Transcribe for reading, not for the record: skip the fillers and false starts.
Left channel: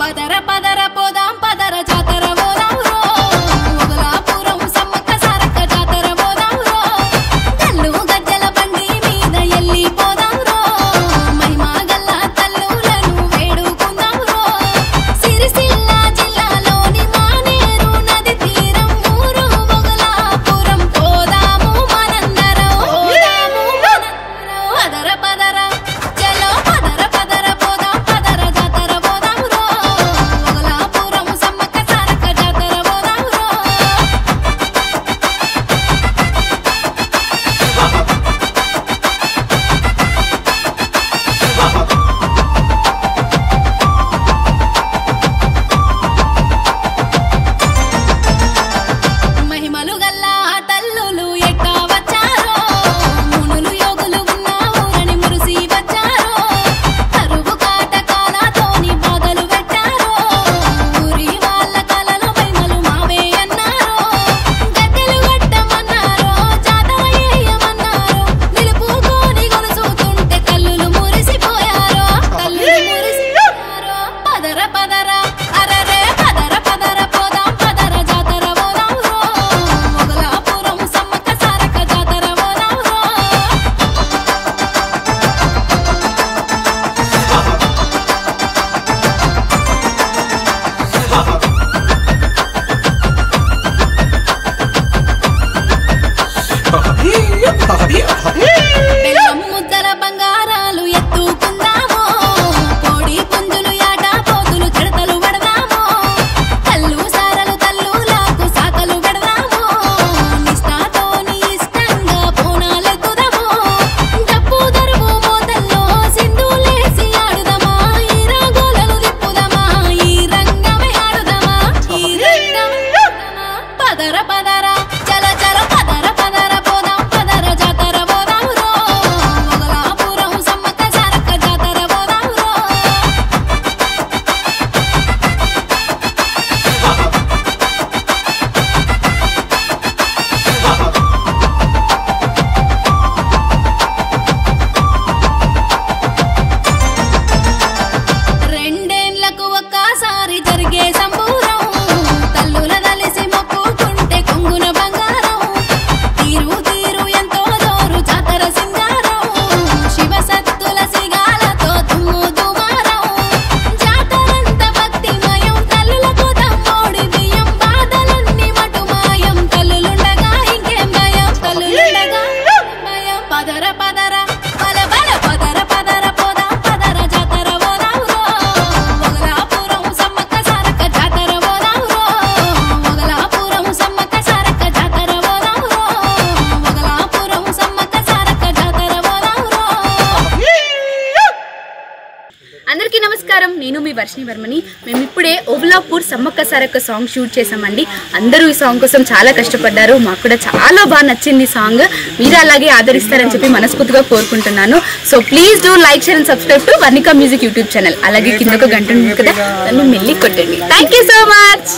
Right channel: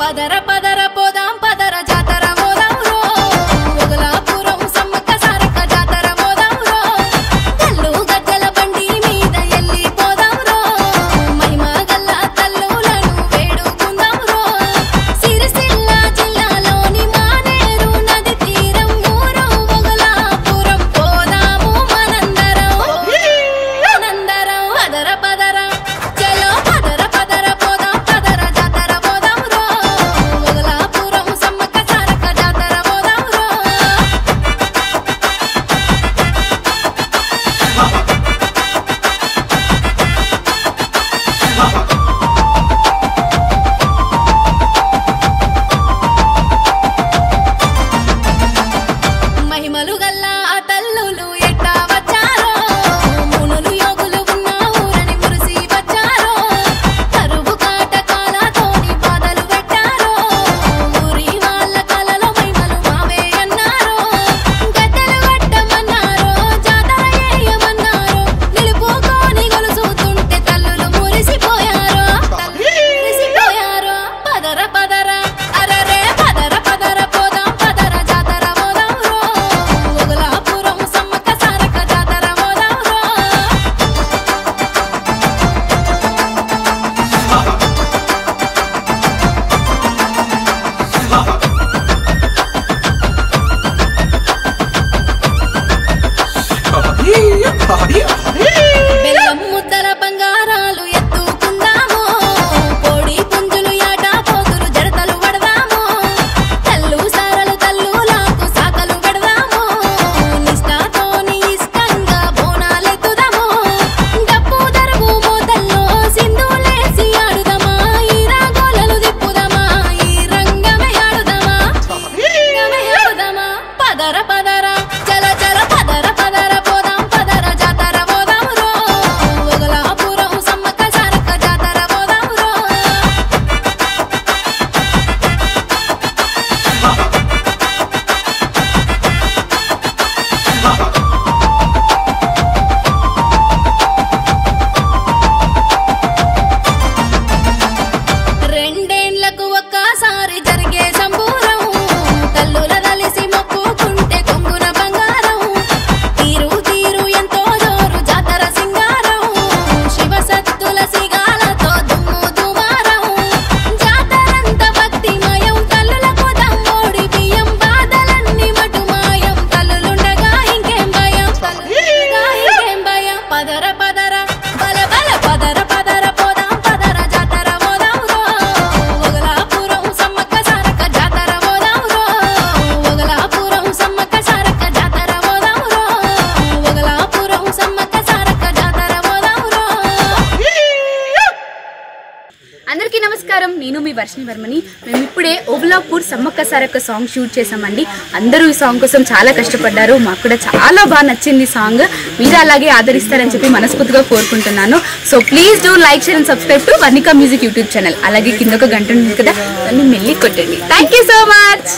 పదర పదర పోదాం పదర జాతర పోదాం రో ఒగలాపురం సమ్మక్క సారక్క జాతర పోదాం రో గల్లు గజ్జల బండి మీద ఎల్లి పోదాం రో మహిమా గల్ల తల్లులను వేడుకుందాం రో సిరిసిల్ల జిల్లాలోని మానేరు నది తీరం ఊరు ఒగలాపురం పోదాము మనందరం పదర పదర చలో పదర పదర పోదాం పదర జాతర పోదాం రో ఒగలాపురం సమ్మక్క సారక్క జాతర పోదాం రో మహిమలు గల్లా తల్లులు ఎట్టా వచ్చారో మునులు యోగులు ఉన్న ఊరని మురిసి వచ్చారో కరువు కాటకాలతోని బాధలు పెట్టారో ఊరి వాళ్ళ కలలో మహిమలు మావే అన్నారో గద్దెలు కొట్టమన్నారో జాతర చేయమన్నారో నిలుపుకొని గొలుసుతుంటే తల్లులు మురిసిపోయారో పదర పదర అరరే పదర పదర పోదాం పదర జాతర పోదాం రో ఒగలాపురం సమ్మక్క సారక్క జాతర పోదాం రో బెల్లం ముద్దల బంగారాలు ఎత్తుకుందామో కోడి పుంజులు యాట పోతులు జడతలు పడదామో తల్లు సారలు తల్లులకు సాకలు పెడదామో నిష్ఠాతోని ఇష్టంగా బోనాలెత్తుదామో డప్పు దరువు మోతల్లో సింధులేసి ఆడుదామా ఈ రాగోలలు తిప్పుదామా ఈ రంగమే ఆడుదామా పదర పదర చల చల పదర పదర పోదాం పదర జాతర పోదాం రో ఒగలాపురం సమ్మక్క సారక్క జాతర పోదాం రో రెండేండ్లకు ఒక్కసారి జరిగే సంబూరం తల్లుల దలిసి మొక్కుకుంటే కొంగున బంగారం తీరు తీరు ఎంతో జోరు జాతర సింగారం శివసత్తుల సిగాలతో దుమ్ము దుమారం జాతరంత భక్తిమయం తల్లులకు దమ్మోడి బియ్యం బాధలన్నీ మటుమాయం తల్లులుండగా ఇంకేం భయం పదర పదర బల బల పదర పదర పోదాం పదర జాతర పోదాం రో ఒగలాపురం సమ్మక్క సారక్క జాతర పోదాం రో ఒగలాపురం సమ్మక్క సారక్క జాతర పోదాం రో ఒగలాపురం సమ్మక్క సారక్క జాతర పోదాం రో అందరికీ నమస్కారం, నేను మీ వర్షిణి వర్మని. మేము ఇప్పుడే ఓబులాపూర్ సమ్మక్క సారక్క సాంగ్ షూట్ చేసామండి. అందరూ ఈ సాంగ్ కోసం చాలా కష్టపడ్డారు. మాకు కూడా చాలా బాగా నచ్చింది సాంగ్. మీరు అలాగే ఆదరిస్తారని చెప్పి మనస్ఫూర్తిగా కోరుకుంటున్నాను. So please do like, share and subscribe to Varnika music YouTube channel. అలాగే కింద ఒక గంట ఉంటుంది కదా, దాన్ని మెల్లి కొట్టండి. Thank you so much.